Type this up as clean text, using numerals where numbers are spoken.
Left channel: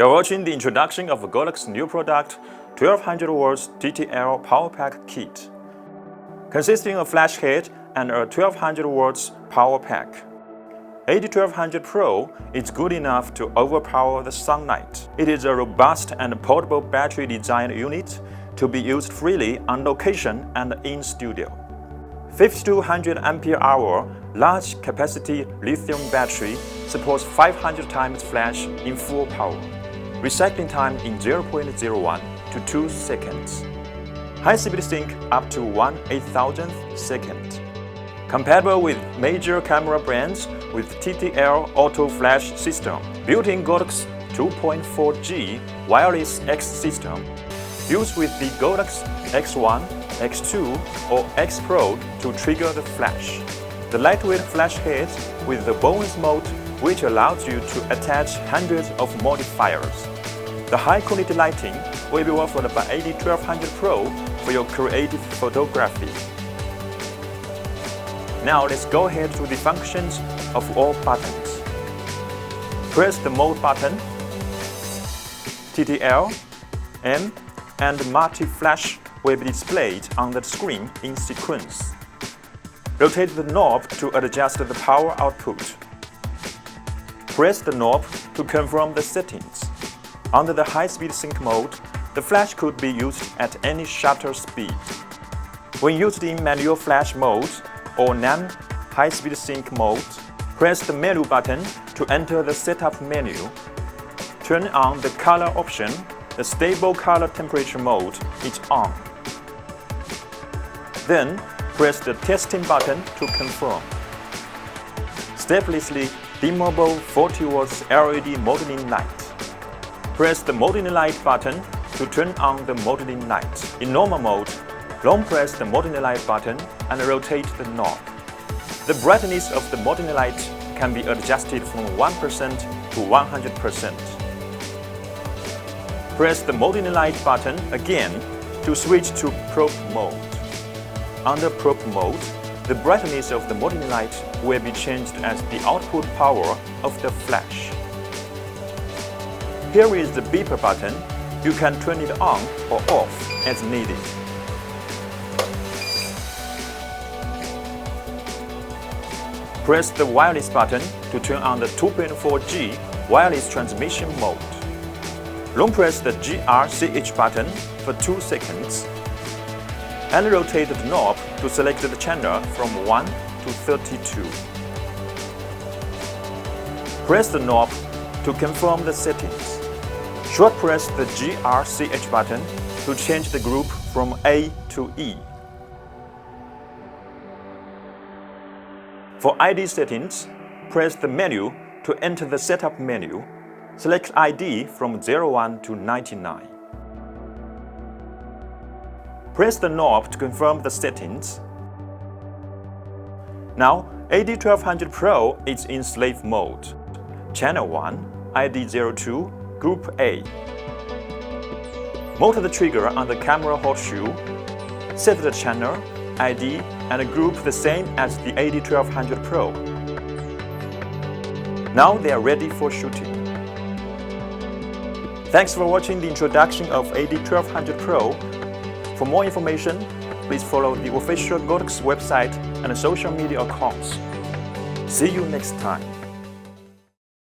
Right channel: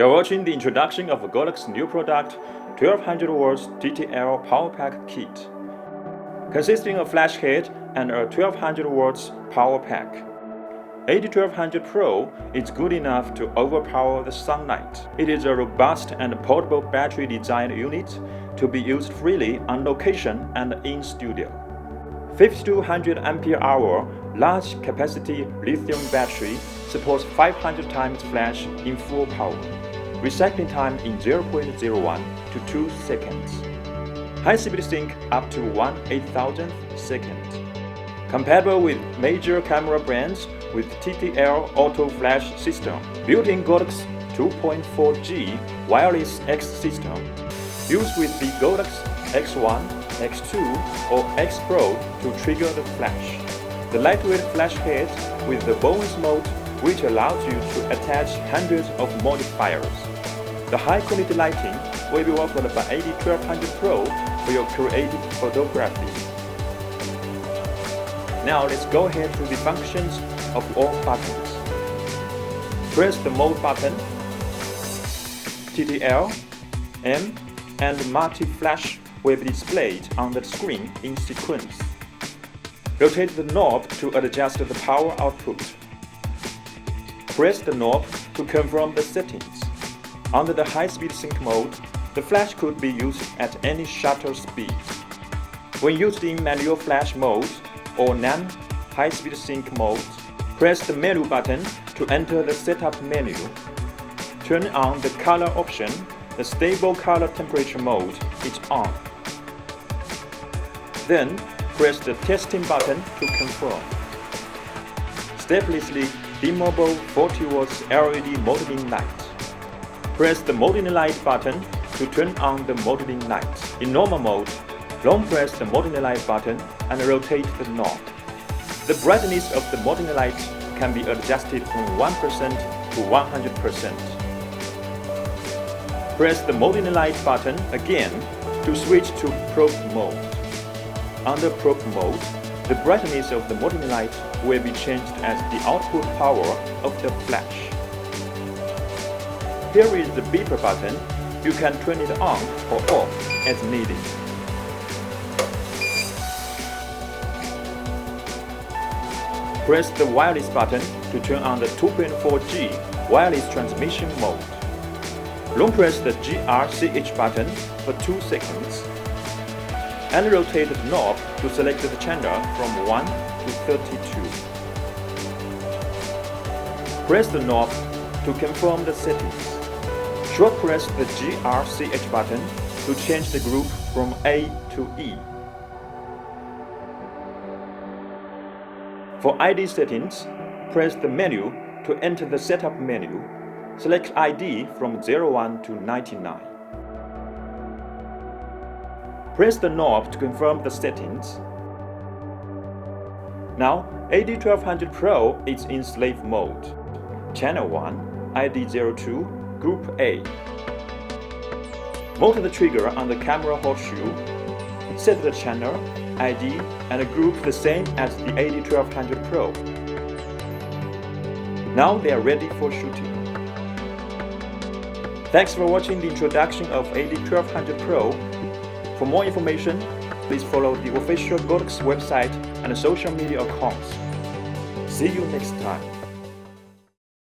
You are watching the introduction of Godox new product 1200W TTL Power Pack Kit, consisting of flash head and a 1200W power pack. AD1200Pro is good enough to overpower the sunlight. It is a robust and portable battery design unit to be used freely on location and in studio. 5200 Ah large capacity lithium battery supports 500 times flash in full power. Recycling time in 0.01 to 2 seconds. High-speed sync up to 1/8000th second. Compatible with major camera brands with TTL auto flash system. Built-in Godox 2.4G wireless X system. Used with the Godox X1, X2 or X Pro to trigger the flash. The lightweight flash head with the bonus mode, which allows you to attach hundreds of modifiers. The high-quality lighting will be offered by AD1200Pro for your creative photography. Now let's go ahead through the functions of all buttons. Press the mode button, TTL, M, and multi-flash will be displayed on the screen in sequence. Rotate the knob to adjust the power output. Press the knob to confirm the settings. Under the high-speed sync mode, the flash could be used at any shutter speed. When used in manual flash mode or non-high-speed sync mode, press the menu button to enter the setup menu. Turn on the color option. The stable color temperature mode is on. Then, press the testing button to confirm. Steplessly dimmable 40W LED modeling light. Press the modeling light button to turn on the modeling light. In normal mode, long press the modeling light button and rotate the knob. The brightness of the modeling light can be adjusted from 1% to 100%. Press the modeling light button again to switch to probe mode. Under probe mode, the brightness of the modeling light will be changed as the output power of the flash. Here is the beeper button. You can turn it on or off as needed. Press the wireless button to turn on the 2.4G wireless transmission mode. Long press the GRCH button for 2 seconds and rotate the knob to select the channel from 1 to 32. Press the knob to confirm the settings. Short press the GRCH button to change the group from A to E. For ID settings, press the menu to enter the setup menu. Select ID from 01 to 99. Press the knob to confirm the settings. Now, AD1200Pro is in slave mode. Channel 1, ID02, Group A. Motor the trigger on the camera horseshoe. Set the channel, ID, and group the same as the AD1200Pro. Now they are ready for shooting. Thanks for watching the introduction of AD1200Pro. For more information, please follow the official Godox website and social media accounts. See you next time.